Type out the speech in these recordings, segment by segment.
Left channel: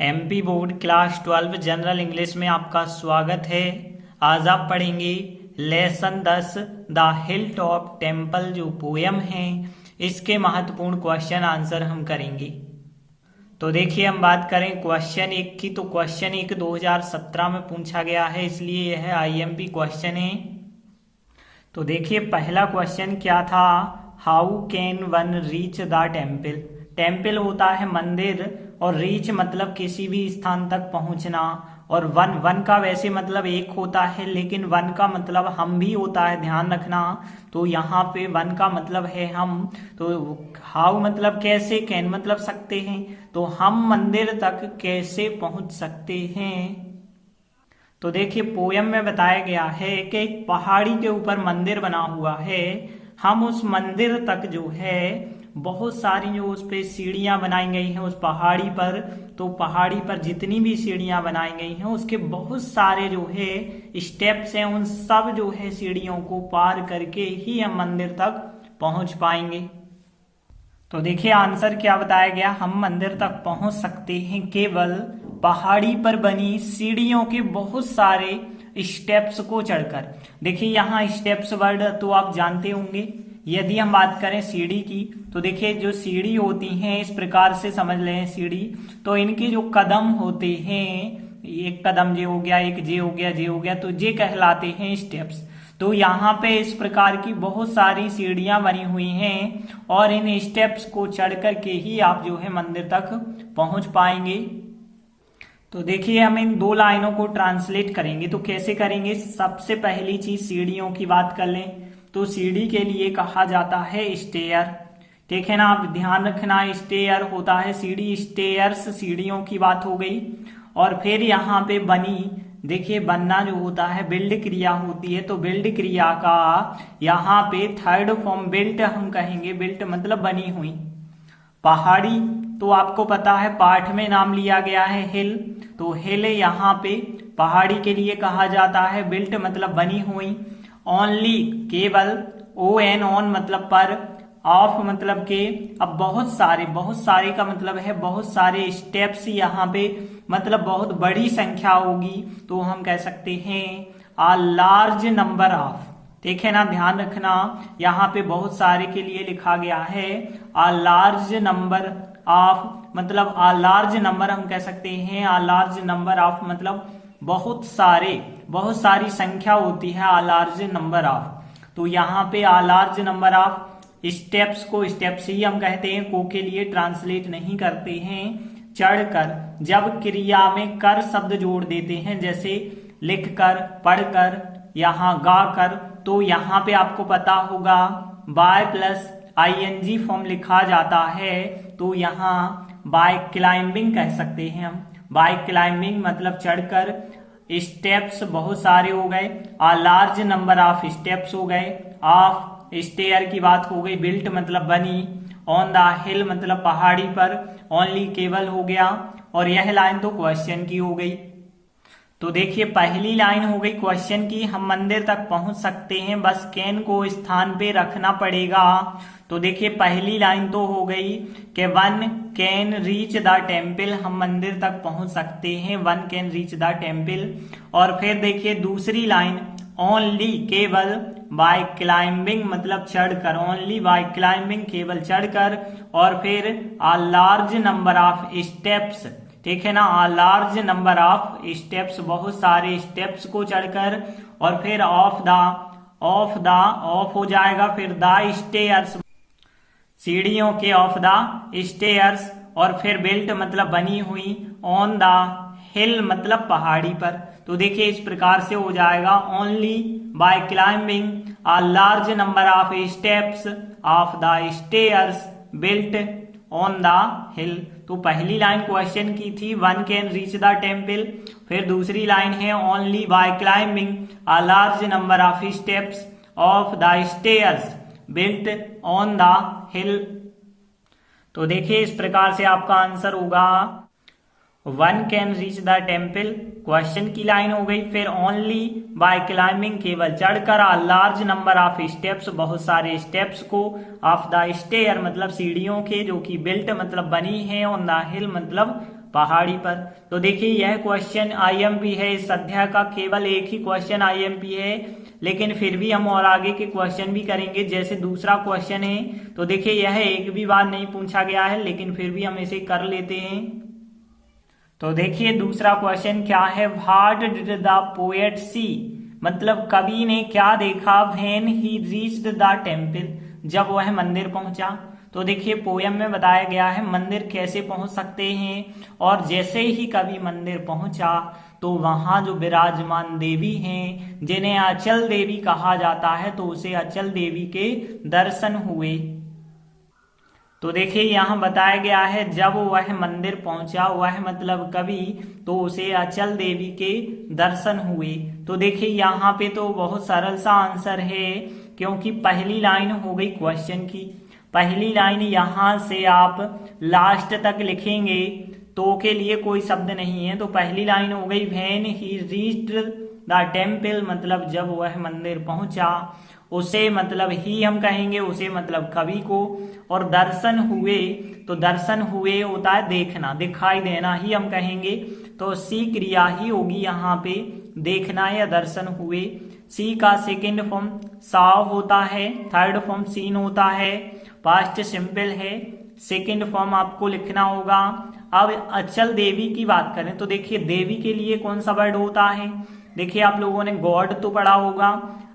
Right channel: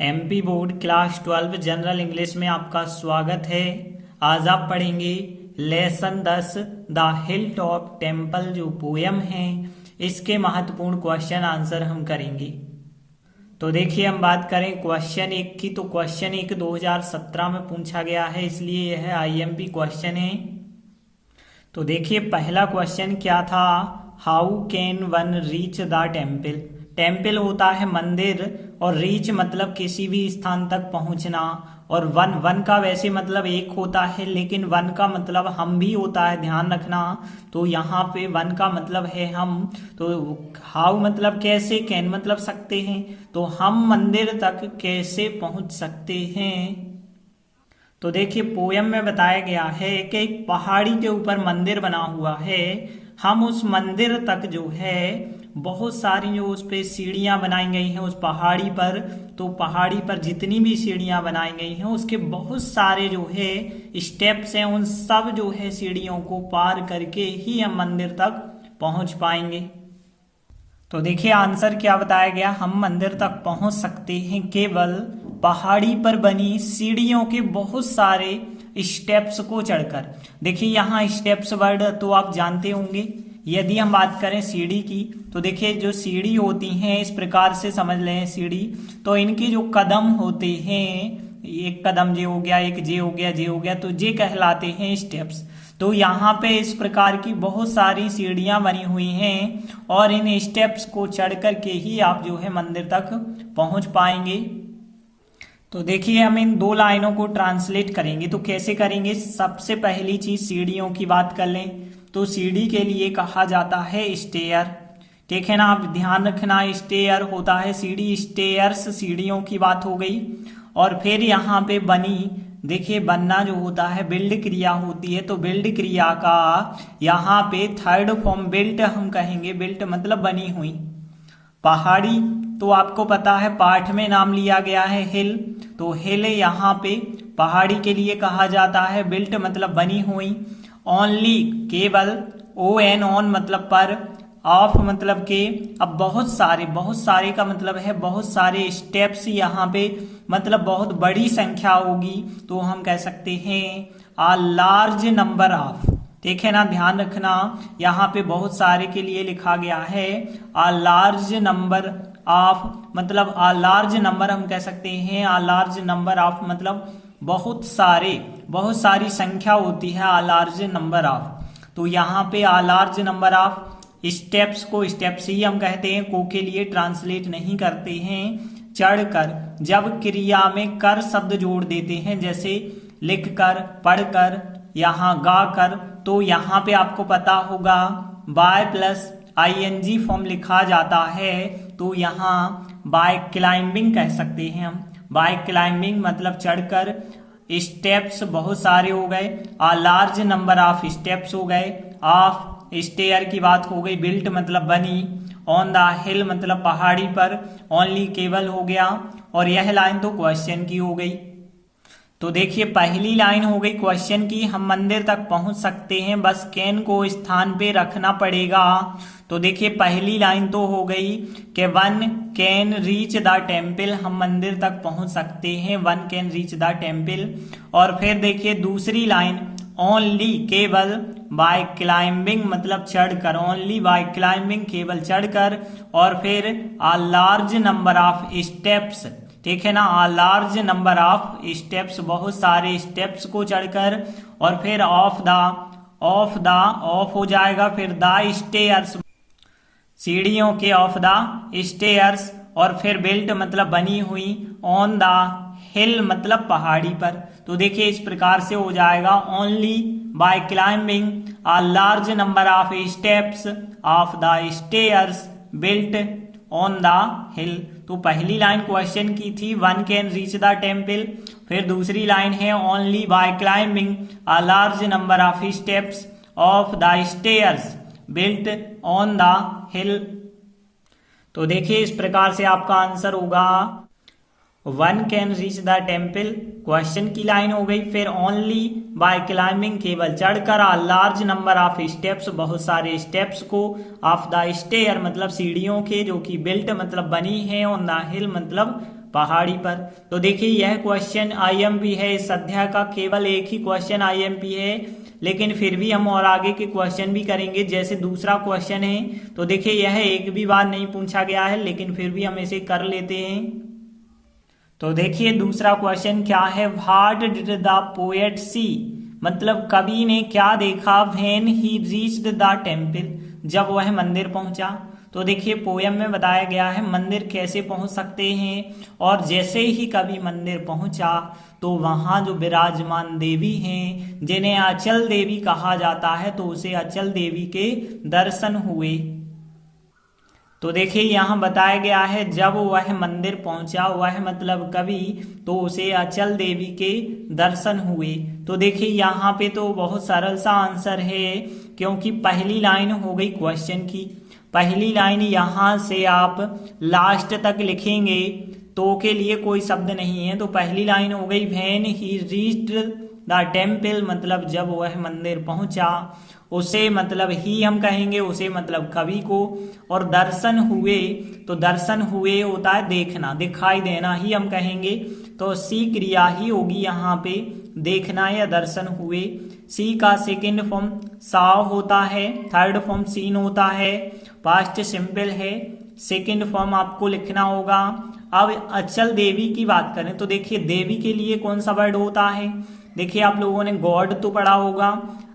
MP board class 12 general English में आपका स्वागत है। आज आप पढ़ेंगे lesson 10 the hill top temple जो पोयम है, इसके महत्वपूर्ण क्वेश्चन आंसर हम करेंगे। तो देखिए, हम बात करें क्वेश्चन 1 की, तो क्वेश्चन 1 2017 में पूछा गया है, इसलिए यह आईएमपी क्वेश्चन है। तो देखिए, पहला क्वेश्चन क्या था, how can one reach the temple. Temple होता है मंदिर, और रीच मतलब किसी भी स्थान तक पहुंचना, और वन वन का वैसे मतलब एक होता है, लेकिन वन का मतलब हम भी होता है, ध्यान रखना। तो यहाँ पे वन का मतलब है हम, तो हाउ मतलब कैसे, कैन मतलब सकते हैं, तो हम मंदिर तक कैसे पहुंच सकते हैं। तो देखिए, पोयम में बताया गया है कि एक पहाड़ी के ऊपर मंदिर बना हुआ है। हम उस मंदिर तक जो है बहुत सारी जो उस पे सीढ़ियां बनाई गई हैं उस पहाड़ी पर, तो पहाड़ी पर जितनी भी सीढ़ियां बनाई गई हैं उसके बहुत सारे जो है स्टेप्स हैं, उन सब जो है सीढ़ियों को पार करके ही हम मंदिर तक पहुंच पाएंगे। तो देखिए, आंसर क्या बताया गया, हम मंदिर तक पहुंच सकते हैं केवल पहाड़ी पर बनी सीढ़ियों के बहुत सारे स्टेप्स को चढ़कर। देखिए, यहाँ स्टेप्स वर्ड तो आप जानते होंगे। यदि हम बात करें सीढ़ी की, तो देखिए जो सीढ़ी होती हैं इस प्रकार से समझ लें सीढ़ी, तो इनके जो कदम होते हैं, एक कदम जे हो गया, एक जे हो गया, जे हो गया, तो जे कहलाते हैं स्टेप्स। तो यहाँ पे इस प्रकार की बहुत सारी सीढ़ियां बनी हुई हैं, और इन स्टेप्स को चढ़ कर के ही आप जो है मंदिर तक पहुंच पाएंगे। तो देखिए, हम इन दो लाइनों को ट्रांसलेट करेंगे, तो कैसे करेंगे। सबसे पहली चीज सीढ़ियों की बात कर लें, तो सीढ़ी के लिए कहा जाता है स्टेयर। ठीक है ना, आप ध्यान रखना, स्टेयर होता है सीढ़ी, स्टेयर्स सीढ़ियों की बात हो गई। और फिर यहाँ पे बनी, देखिए बनना जो होता है बिल्ड क्रिया होती है, तो बिल्ड क्रिया का यहाँ पे थर्ड फॉर्म बिल्ट हम कहेंगे। बिल्ट मतलब बनी हुई। पहाड़ी तो आपको पता है पाठ में नाम लिया गया है हिल, तो हिल यहाँ पे पहाड़ी के लिए कहा जाता है, बिल्ट मतलब बनी हुई। ओनली केवल, ओ एन ऑन मतलब पर, ऑफ मतलब के। अब बहुत सारे का मतलब है बहुत सारे स्टेप्स, यहाँ पे मतलब बहुत बड़ी संख्या होगी, तो हम कह सकते हैं आ लार्ज नंबर ऑफ। ठीक है ना, ध्यान रखना, यहाँ पे बहुत सारे के लिए लिखा गया है आ लार्ज नंबर ऑफ, मतलब आ लार्ज नंबर हम कह सकते हैं, आ लार्ज नंबर ऑफ मतलब बहुत सारी संख्या होती है आ लार्ज नंबर ऑफ। तो यहाँ पे आ लार्ज नंबर ऑफ स्टेप्स को स्टेप्स ही हम कहते हैं, को के लिए ट्रांसलेट नहीं करते हैं। चढ़कर, जब क्रिया में कर शब्द जोड़ देते हैं, जैसे लिख कर, पढ़कर, यहाँ गा कर, तो यहाँ पे आपको पता होगा बाय प्लस आईएनजी फॉर्म लिखा जाता है, तो यहाँ बाय क्लाइंबिंग कह सकते हैं हम। बाय क्लाइंबिंग मतलब चढ़कर। स्टेप्स बहुत सारे हो गए, आ लार्ज नंबर ऑफ स्टेप्स हो गए, ऑफ स्टेयर की बात हो गई, बिल्ट मतलब बनी, ऑन द हिल मतलब पहाड़ी पर, ओनली केवल हो गया, और यह लाइन तो क्वेश्चन की हो गई। तो देखिए, पहली लाइन हो गई क्वेश्चन की, हम मंदिर तक पहुंच सकते हैं, बस कैन को स्थान पे रखना पड़ेगा। तो देखिए, पहली लाइन तो हो गई कि one can reach the temple, हम मंदिर तक पहुंच सकते हैं, one can reach the temple. और फिर देखिए दूसरी लाइन, ओनली केवल, बाय क्लाइंबिंग मतलब चढ़कर, ओनली बाय क्लाइंबिंग केवल चढ़कर, और फिर आ लार्ज नंबर ऑफ स्टेप्स। ठीक है ना, आ लार्ज नंबर ऑफ स्टेप्स बहुत सारे स्टेप्स को चढ़कर, और फिर ऑफ हो जाएगा, फिर द स्टेयर्स सीढ़ियों के, ऑफ द स्टेयर्स, और फिर बिल्ट मतलब बनी हुई, ऑन द हिल मतलब पहाड़ी पर। तो देखिए, इस प्रकार से हो जाएगा only by climbing a large number of steps of the stairs built on the hill. तो पहली लाइन क्वेश्चन की थी one can reach the temple, फिर दूसरी लाइन है only by climbing a large number of steps of the stairs built on the hill. तो देखिए, इस प्रकार से आपका आंसर होगा one can reach the temple, question की लाइन हो गई, फिर ओनली बाय क्लाइंबिंग केवल चढ़कर, आ लार्ज नंबर ऑफ स्टेप्स बहुत सारे स्टेप्स को, ऑफ द स्टेयर मतलब सीढ़ियों के, जो कि बिल्ट मतलब बनी है, और द हिल मतलब पहाड़ी पर। तो देखिए यह क्वेश्चन आईएमपी है, इस अध्याय का केवल एक ही क्वेश्चन आईएमपी है, लेकिन फिर भी हम और आगे के क्वेश्चन भी करेंगे। जैसे दूसरा क्वेश्चन है, तो देखिए यह एक भी बार नहीं पूछा गया है, लेकिन फिर भी हम इसे कर लेते हैं। तो देखिए दूसरा क्वेश्चन क्या है, व्हाट डिड द पोएट सी, मतलब कवि ने क्या देखा, when he reached the temple, जब वह मंदिर पहुंचा। तो देखिए पोयम में बताया गया है मंदिर कैसे पहुंच सकते हैं, और जैसे ही कवि मंदिर पहुंचा तो वहां जो विराजमान देवी हैं, जिन्हें अचल देवी कहा जाता है, तो उसे अचल देवी के दर्शन हुए। तो देखिए यहाँ बताया गया है जब वह मंदिर पहुंचा, वह मतलब कवि, तो उसे अचल देवी के दर्शन हुए। तो देखिए यहाँ पे तो बहुत सरल सा आंसर है, क्योंकि पहली लाइन हो गई क्वेश्चन की। पहली लाइन यहाँ से आप लास्ट तक लिखेंगे तो के लिए कोई शब्द नहीं है, तो पहली लाइन हो गई when he reached the temple, मतलब जब वह मंदिर पहुंचा। उसे मतलब ही हम कहेंगे, उसे मतलब कवि को। और दर्शन हुए, तो दर्शन हुए होता है देखना, दिखाई देना ही हम कहेंगे, तो सी क्रिया ही होगी यहाँ पे, देखना या दर्शन हुए। सी का सेकंड फॉर्म साव होता है, थर्ड फॉर्म सीन होता है, पास्ट सिंपल है, सेकंड फॉर्म आपको लिखना होगा। अब अचल देवी की बात करें तो देखिए देवी के लिए कौन सा वर्ड होता है, देखिए आप लोगों ने गॉड तो पढ़ा होगा।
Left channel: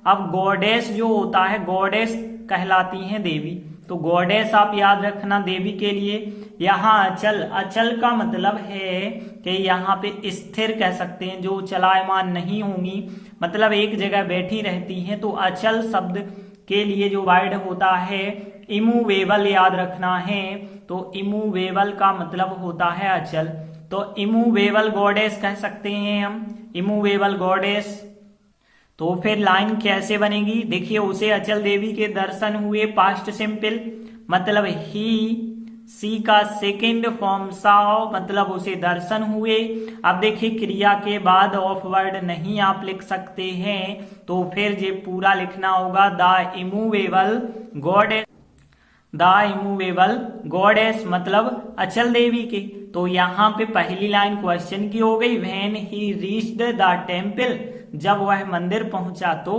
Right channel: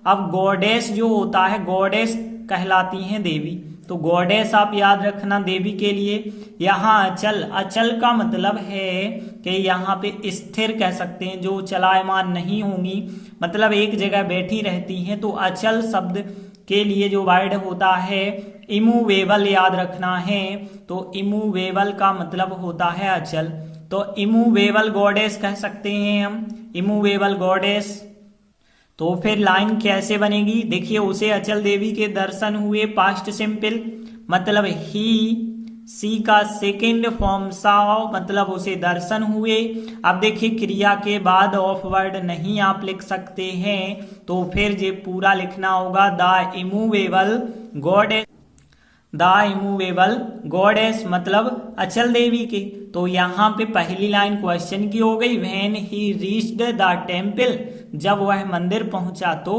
अब गॉडेस जो होता है, गॉडेस कहलाती हैं देवी, तो गॉडेस आप याद रखना देवी के लिए। यहाँ अचल, अचल का मतलब है कि यहाँ पे स्थिर कह सकते हैं, जो चलायमान नहीं होंगी, मतलब एक जगह बैठी रहती हैं। तो अचल शब्द के लिए जो वर्ड होता है इमूवेबल याद रखना है, तो इमूवेबल का मतलब होता है अचल। तो इमूवेबल गॉडेस कह सकते हैं हम, इमूवेबल गॉडेस। तो फिर लाइन कैसे बनेगी, देखिए उसे अचल देवी के दर्शन हुए, पास्ट सिंपल, मतलब ही। सी का सेकंड फॉर्म साव, मतलब उसे दर्शन हुए। अब देखिए क्रिया के बाद ऑफ वर्ड नहीं आप लिख सकते हैं, तो फिर ये पूरा लिखना होगा the immovable goddess, the immovable goddess मतलब अचल देवी के। तो यहाँ पे पहली लाइन क्वेश्चन की हो गई, when he reached the temple, जब वह मंदिर पहुंचा तो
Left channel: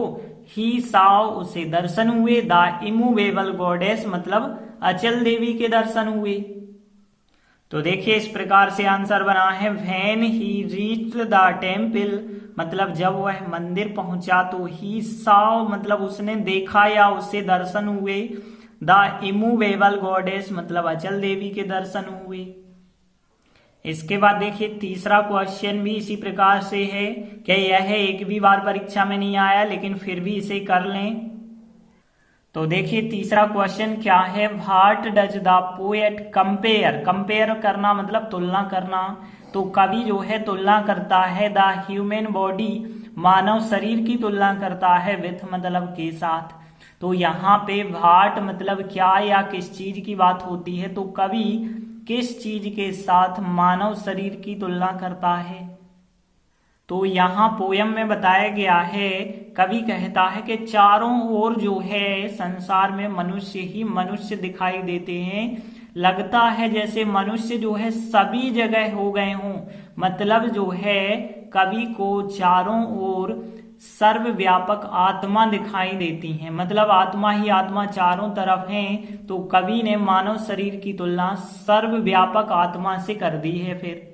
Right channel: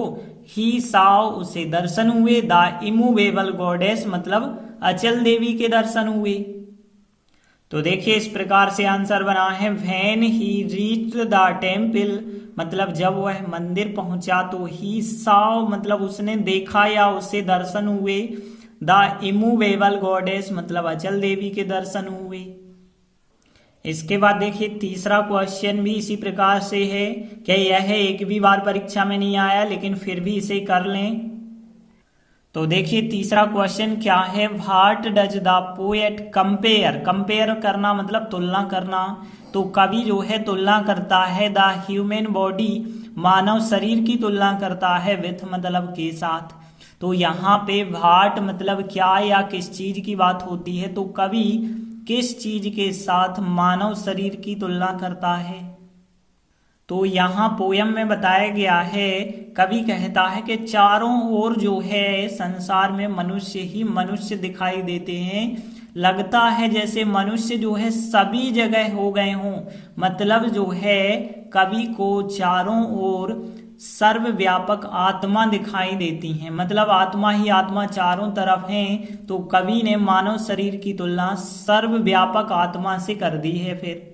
ही साव उसे दर्शन हुए, द इमूवेबल गॉडेस मतलब अचल देवी के दर्शन हुए। तो देखिए इस प्रकार से आंसर बना है, when he reached the temple, मतलब जब वह मंदिर पहुंचा तो ही साव मतलब उसने देखा या उससे दर्शन हुए, द इमूवेबल गॉडेस मतलब अचल देवी के दर्शन हुए। इसके बाद देखिए तीसरा क्वेश्चन भी इसी प्रकार से है, क्या यह एक भी बार परीक्षा में नहीं आया, लेकिन फिर भी इसे कर लें। तो देखिए तीसरा क्वेश्चन क्या है, what does the poet compare, compare करना मतलब तुलना करना। तो कवि जो है तुलना करता है द ह्यूमन बॉडी, मानव शरीर की तुलना करता है, विथ मतलब के साथ। तो यहाँ पे व्हाट मतलब क्या या किस चीज की बात होती है, तो कवि किस चीज के साथ मानव शरीर की तुलना करता है। तो यहाँ पोयम में बताया गया है, कवि कहता है कि चारों ओर जो है संसार में मनुष्य ही मनुष्य दिखाई देते हैं, लगता है जैसे मनुष्य जो है सभी जगह हो गए हों। मतलब जो है कवि को चारों ओर सर्वव्यापक आत्मा दिखाई देती है, मतलब आत्मा ही आत्मा चारों तरफ हैं। तो कवि ने मानव शरीर की तुलना सर्वव्यापक आत्मा से कर दी है। फिर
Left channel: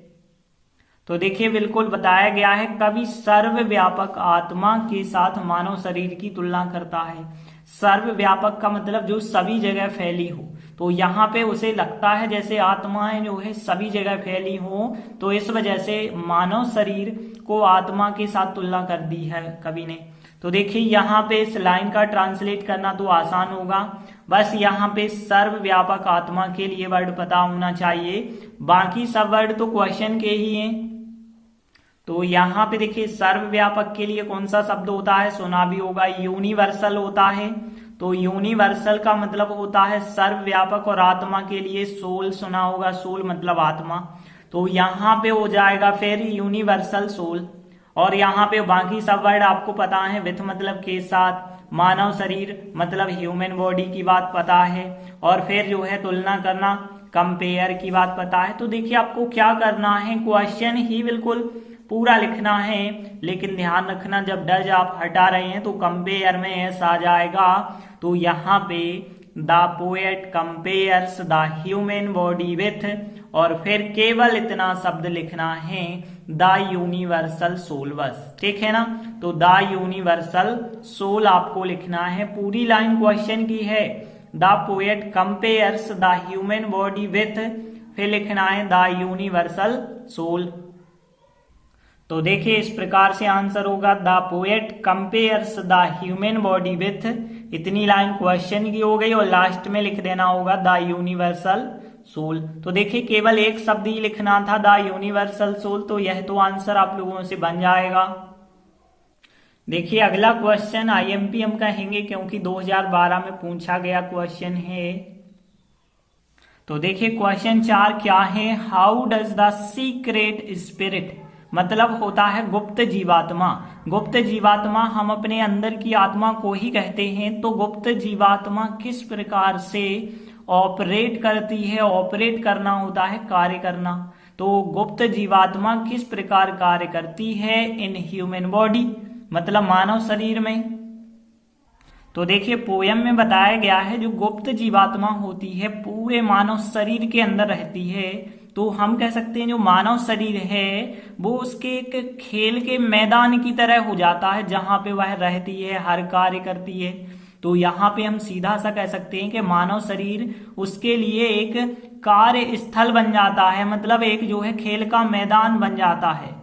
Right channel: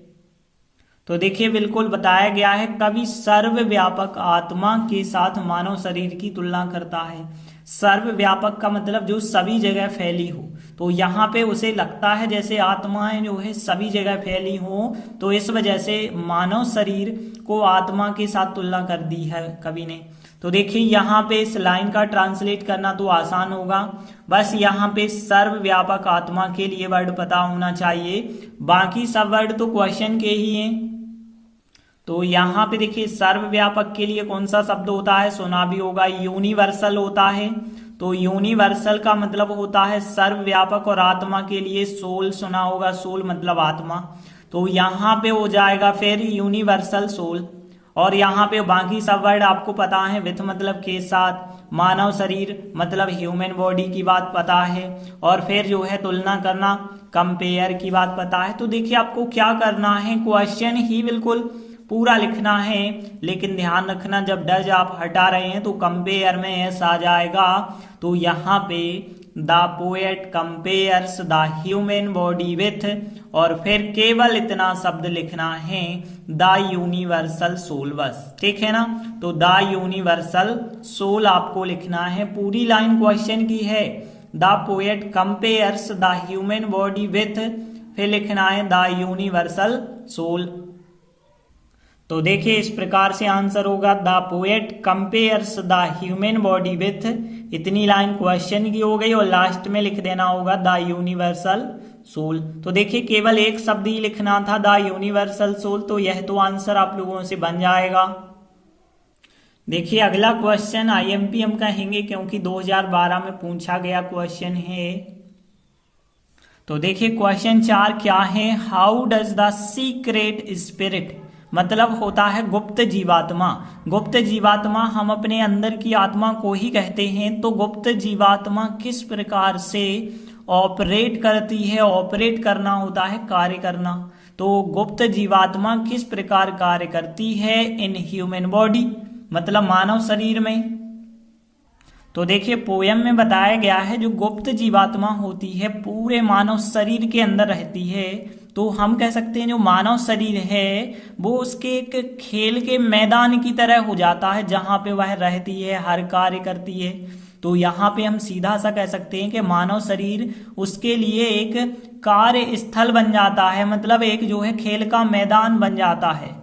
तो देखिए बिल्कुल बताया गया है, कवि सर्वव्यापक आत्मा के साथ मानव शरीर की तुलना करता है। सर्वव्यापक का मतलब जो सभी जगह फैली हो, तो यहाँ पे उसे लगता है जैसे आत्माएं जो है सभी जगह फैली हो, तो इस वजह से मानव शरीर को आत्मा के साथ तुलना कर दी है कवि ने। तो देखिए यहाँ पे इस लाइन का ट्रांसलेट करना तो आसान होगा, बस यहाँ पे सर्वव्यापक आत्मा के लिए वर्ड पता होना चाहिए, बाकी सब वर्ड तो क्वेश्चन के ही हैं। तो यहाँ पे देखिए सर्वव्यापक के लिए कौन सा शब्द होता है, सुना भी होगा, यूनिवर्सल होता है। तो यूनिवर्सल का मतलब होता है सर्वव्यापक, और आत्मा के लिए सोल सुना होगा, सोल मतलब आत्मा। तो यहाँ पे हो जाएगा फिर यूनिवर्सल सोल। और यहाँ पे बाकी सब वर्ड आपको पता है, विथ मतलब के साथ, मानव शरीर मतलब ह्यूमन बॉडी की बात पता है, और फिर जो है तुलना करना कंपेयर की बात पता है। तो देखिए आपको क्या करना है, क्वेश्चन ही बिल्कुल पूरा लिखना है, लेकिन ध्यान रखना जब डज आप हटा रहे हैं तो कंपेयर में एस आ जाएगा। तो यहाँ पे the poet compares the human body with, और फिर केवल इतना शब्द लिखना है द यूनिवर्सल सोल, बस ठीक है ना। तो द यूनिवर्सल सोल आपको लिखना है, पूरी लाइन क्वेश्चन की है। The poet compares the human body with, फिर लिखना है द यूनिवर्सल सोल। तो देखिए इस प्रकार से आंसर होगा the poet compares the human body with, इतनी लाइन क्वेश्चन की हो गई, और लास्ट में लिख देना होगा द यूनिवर्सल सोल। तो देखिए केवल एक शब्द ही लिखना था, द यूनिवर्सल सोल, तो यह तो आंसर आप लोगों से बन जाएगा। देखिए अगला क्वेश्चन आईएमपी हम कहेंगे क्योंकि 2012 में पूछा गया क्वेश्चन है। तो देखिए क्वेश्चन 4 क्या है, how does the secret spirit, मतलब होता है गुप्त जीवात्मा। गुप्त जीवात्मा हम अपने अंदर की आत्मा को ही कहते हैं। तो गुप्त जीवात्मा किस प्रकार से ऑपरेट करती है, ऑपरेट करना होता है कार्य करना। तो गुप्त जीवात्मा किस प्रकार कार्य करती है इन ह्यूमन बॉडी, मतलब मानव शरीर में। तो देखिए पोयम में बताया गया है जो गुप्त जीवात्मा होती है पूरे मानव शरीर के अंदर रहती है। तो हम कह सकते हैं जो मानव शरीर है वो उसके एक खेल के मैदान की तरह हो जाता है, जहां पे वह रहती है, हर कार्य करती है। तो यहाँ पे हम सीधा सा कह सकते हैं कि मानव शरीर उसके लिए एक कार्य स्थल बन जाता है, मतलब एक जो है खेल का मैदान बन जाता है।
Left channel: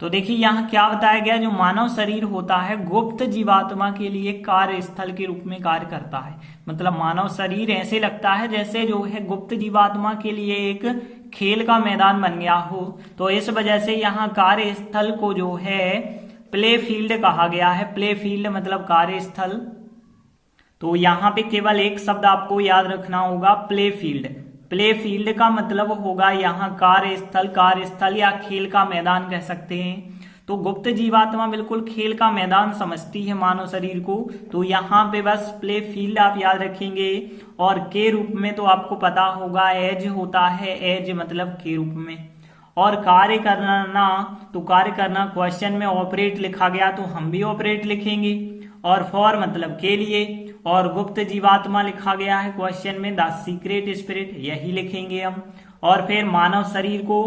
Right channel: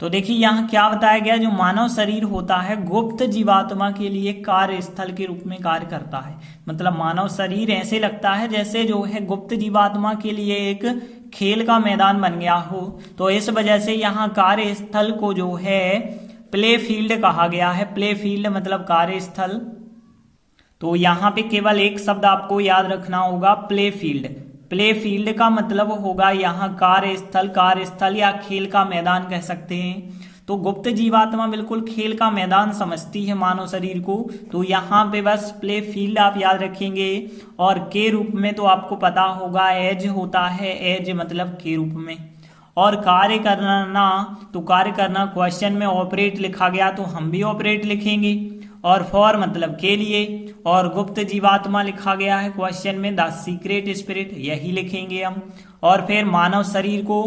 तो देखिए यहाँ क्या बताया गया, जो मानव शरीर होता है गुप्त जीवात्मा के लिए कार्य स्थल के रूप में कार्य करता है। मतलब मानव शरीर ऐसे लगता है जैसे जो है गुप्त जीवात्मा के लिए एक खेल का मैदान बन गया हो। तो इस वजह से यहाँ कार्य स्थल को जो है प्ले फील्ड कहा गया है। प्ले फील्ड मतलब कार्य स्थल। तो यहाँ पे केवल एक शब्द आपको याद रखना होगा, प्ले फील्ड। प्ले फील्ड का मतलब होगा यहाँ कार्यस्थल, कार्यस्थल या खेल का मैदान कह सकते हैं। तो गुप्त जीवात्मा बिल्कुल खेल का मैदान समझती है मानव शरीर को। तो यहाँ पे बस प्ले फील्ड आप याद रखेंगे। और के रूप में तो आपको पता होगा एज होता है, एज मतलब के रूप में। और कार्य करना, तो कार्य करना क्वेश्चन में ऑपरेट लिखा गया तो हम भी ऑपरेट लिखेंगे। और फॉर मतलब के लिए, और गुप्त जीवात्मा लिखा गया है क्वेश्चन में द सीक्रेट स्पिरिट, यही लिखेंगे हम। और फिर मानव शरीर को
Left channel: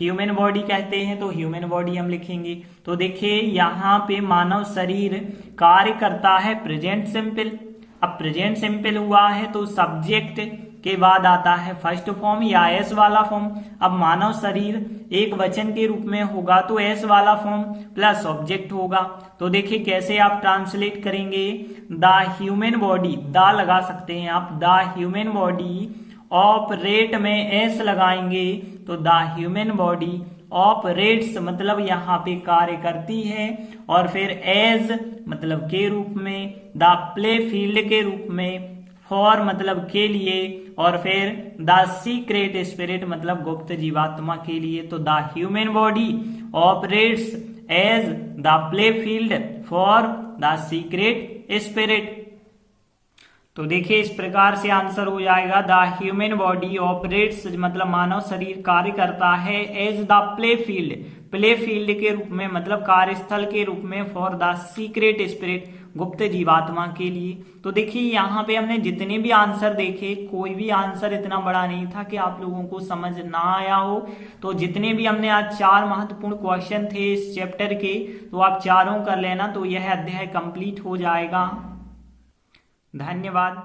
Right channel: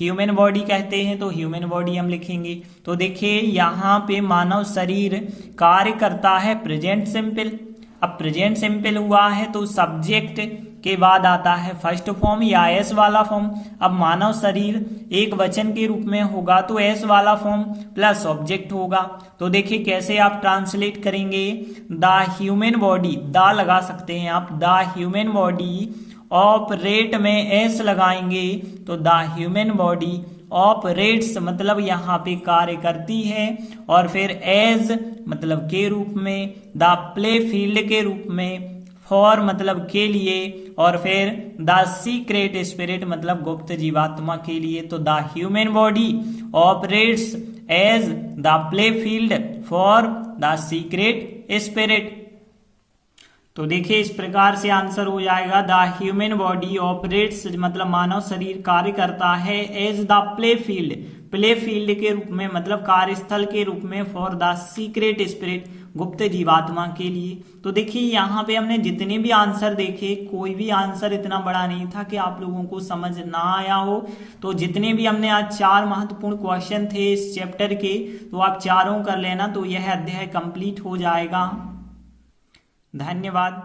ह्यूमन बॉडी कहते हैं तो ह्यूमन बॉडी हम लिखेंगे। तो देखिए यहाँ पे मानव शरीर कार्य करता है प्रेजेंट सिंपल। अब प्रेजेंट सिंपल हुआ है तो सब्जेक्ट के बाद आता है फर्स्ट फॉर्म या एस वाला फॉर्म। अब मानव शरीर एक वचन के रूप में होगा तो एस वाला फॉर्म प्लस ऑब्जेक्ट होगा। तो देखिए कैसे आप ट्रांसलेट करेंगे, द ह्यूमन बॉडी, द लगा सकते हैं आप, द ह्यूमन बॉडी ऑपरेट में एस लगाएंगे तो द ह्यूमन बॉडी ऑपरेट्स मतलब यहाँ पे कार्य करती है। और फिर एज मतलब के रूप में, द प्ले फील्ड के रूप में, फॉर मतलब के लिए, और फिर द सीक्रेट स्पिरिट मतलब गुप्त जीवात्मा के लिए। तो the human body operates as the play field for the secret spirit. तो देखिए इस प्रकार से आंसर हो जाएगा द ह्यूमन बॉडी ऑपरेट्स मतलब मानव शरीर कार्य करता है as the play field, play field के रूप में मतलब कार्यस्थल के रूप में, फॉर द सीक्रेट स्पिरिट गुप्त जीवात्मा के लिए। तो देखिए यहाँ पे हमने जितने भी आंसर देखे कोई भी आंसर इतना बड़ा नहीं था कि आप लोगों को समझ ना आया हो। तो जितने भी हमने आज 4 महत्वपूर्ण क्वेश्चन थे इस चैप्टर के, तो आप चारों कर लेना तो यह अध्याय कंप्लीट हो जाएगा। धन्यवाद।